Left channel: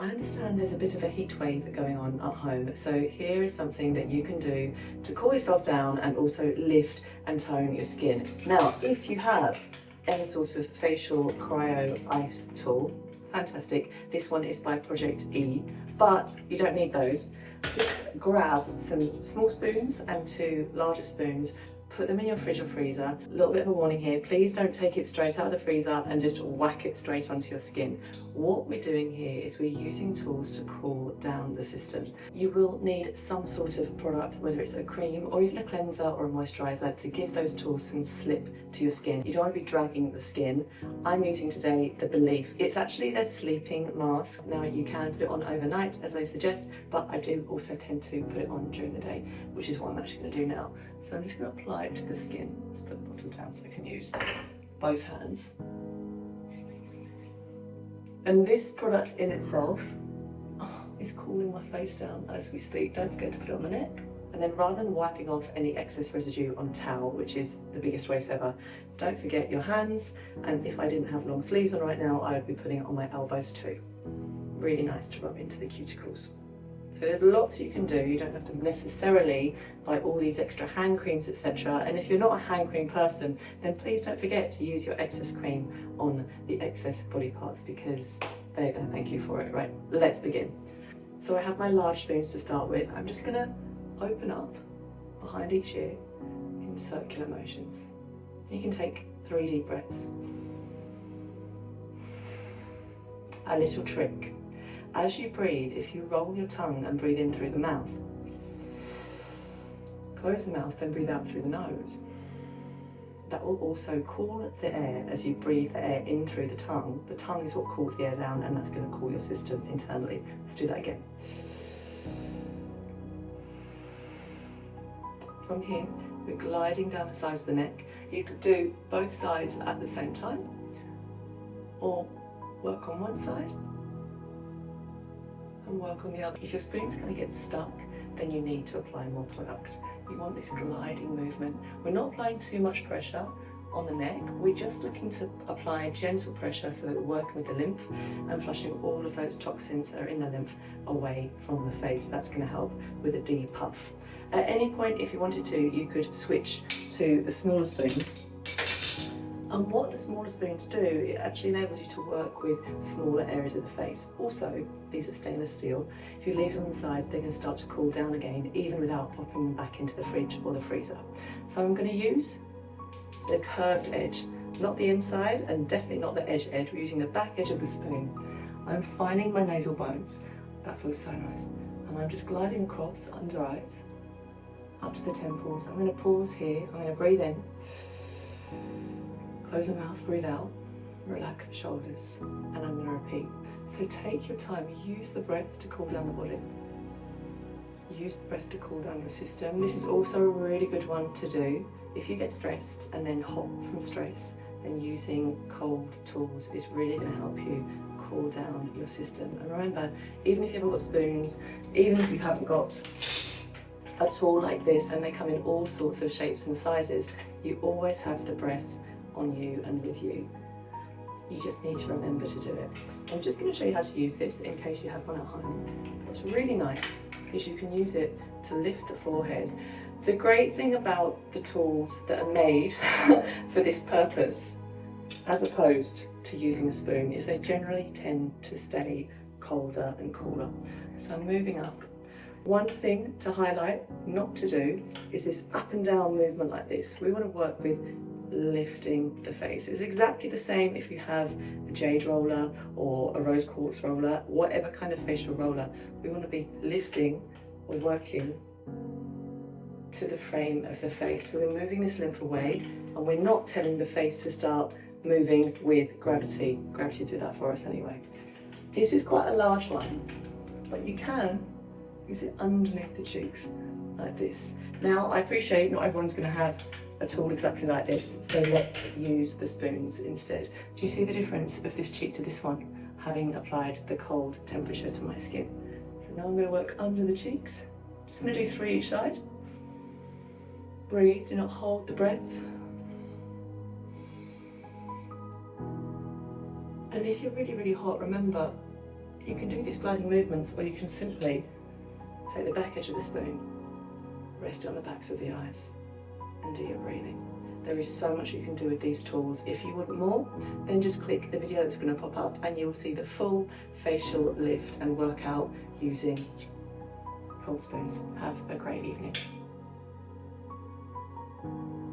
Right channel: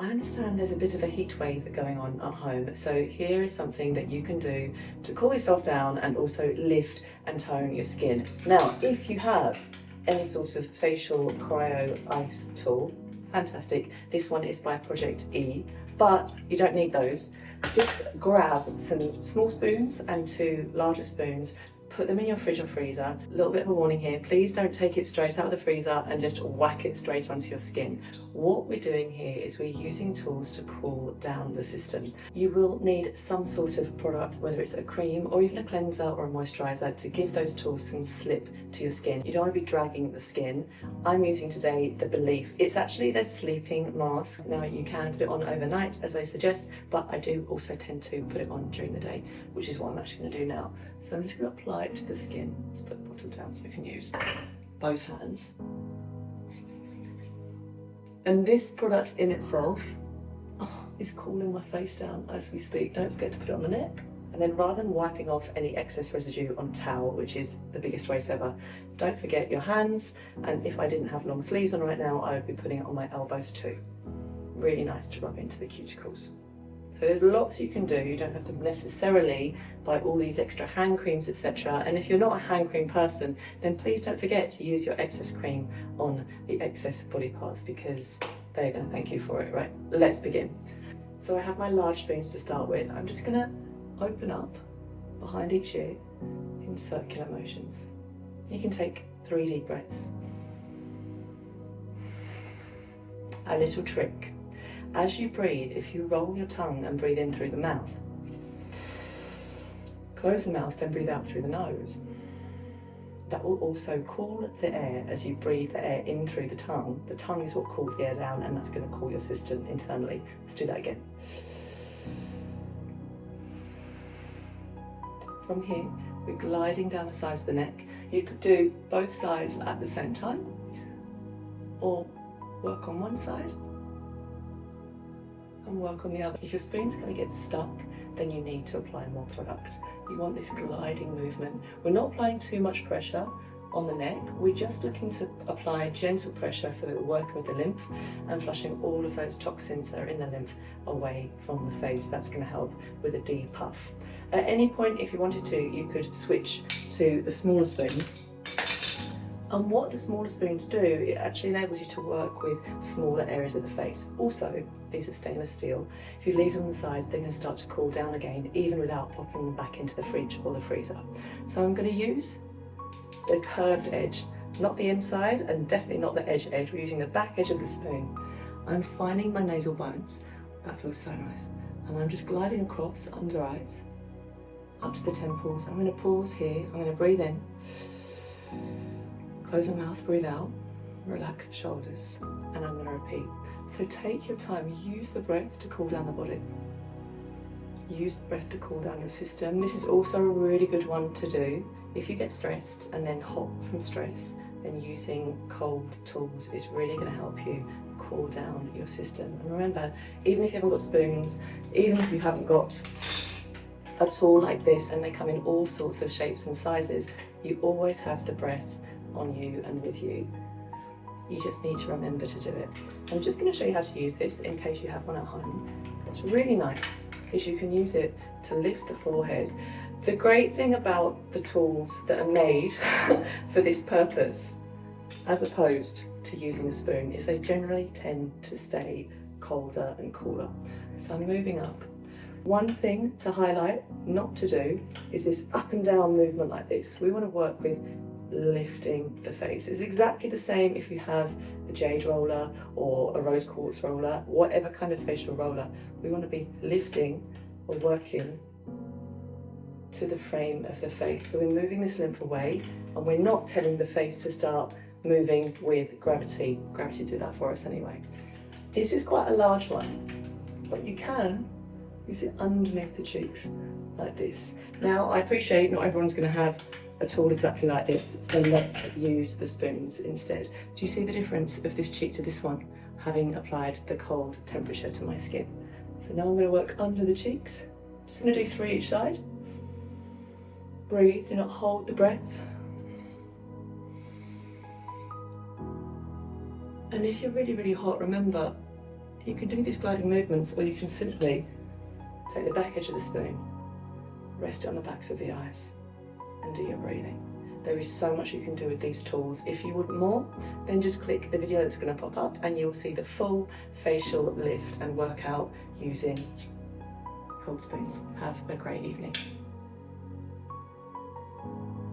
I understand there's a bit of a heat wave going on at home, so here is something that you can do to cool yourself down and also lift and tone your skin. Now, if you have any sort of facial cryo ice tool, fantastic. This one is by Project E, but you don't need those. Just grab some small spoons and 2 larger spoons, put them in your fridge or freezer. A little bit of a warning here, please don't take it straight out of the freezer and just whack it straight onto your skin. What we're doing here is we're using tools to cool down the system. You will need some sort of product, whether it's a cream or even a cleanser or a moisturiser, to give those tools some slip to your skin. You don't want to be dragging the skin. I'm using today the Belif. It's actually their sleeping mask. Now you can put it on overnight as they suggest, but I do also tend to put it on during the day, which is what I'm actually going to do now. So I'm just going to apply it to the skin. Let's put the bottle down so I can use both hands. And this product in itself is cooling my face down as we speak. Don't forget to put it on the neck. And then rather than wiping off any excess residue on a towel, which is the biggest waste ever, don't forget your hands. And if I didn't have long sleeves on right now, I would be putting it on my elbows too. Really nice to rub into the cuticles. So there's lots you can do. You don't have to necessarily buy all these extra hand creams, etc. And if you're not a hand cream person, then please don't forget to use your excess cream on the excess body parts, because they're going to thank you for it. Right, let's begin. So I have my large spoons to start with. I'm just going to open up behind each ear in circular motions. You can take 3 deep breaths. A little trick. As you breathe, if you roll your tongue and breathe in through the mouth, close the mouth, then breathe out through the nose. That will also cool the air as you breathe the air in through the tongue. The tongue is what cools the air down, and that's going to cool your system internally. Let's do that again. From here, we're gliding down the sides of the neck. You could do both sides at the same time, or work on one side and work on the other. If your spoon's going to get stuck, then you need to apply more product. You want this gliding movement. We're not applying too much pressure on the neck. We're just looking to apply gentle pressure so that we're working with the lymph and flushing all of those toxins that are in the lymph away from the face. That's going to help with a depuff. At any point, if you wanted to, you could switch to the smaller spoons. And what the smaller spoons do, it actually enables you to work with smaller areas of the face. Also, these are stainless steel. If you leave them on the side, they're going to start to cool down again, even without popping them back into the fridge or the freezer. So I'm going to use the curved edge, not the inside, and definitely not the edge. We're using the back edge of the spoon. I'm finding my nasal bones. That feels so nice. And I'm just gliding across under eyes, up to the temples. I'm going to pause here. I'm going to breathe in. Close the mouth, breathe out, relax the shoulders, and I'm going to repeat. So take your time, use the breath to cool down the body. Use the breath to cool down your system. This is also a really good one to do if you get stressed and then hot from stress. Then using cold tools is really going to help you cool down your system. And remember, even if you haven't got spoons, even if you haven't got a tool like this, and they come in all sorts of shapes and sizes, you always have the breath on you and with you. You just need to remember to do it. I'm just going to show you how to use this in case you have one at home. What's really nice is you can use it to lift the forehead. The great thing about the tools that are made for this purpose, as opposed to using a spoon, is they generally tend to stay colder and cooler. So I'm moving up. One thing to highlight, not to do, is this up and down movement like this. We want to work with lifting the face. It's exactly the same if you have a jade roller or a rose quartz roller, whatever kind of facial roller. We want to be lifting or working to the frame of the face. So we're moving this lymph away, and we're not telling the face to start moving with gravity. Gravity will do that for us anyway. This is quite a large one, but you can use it underneath the cheeks like this. Now, I appreciate not everyone's going to have a tool exactly like this, so let's use the spoons instead. Do you see the difference of this cheek to this one, having applied the cold temperature to my skin? So now I'm going to work under the cheeks. Just going to do 3 each side. Breathe, do not hold the breath. And if you're really, really hot, remember, You can do these gliding movements, or you can simply take the back edge of the spoon, rest it on the backs of the eyes, and do your breathing. There is so much you can do with these tools. If you want more, then just click the video that's going to pop up and you will see the full facial lift and workout using cold spoons. Have a great evening.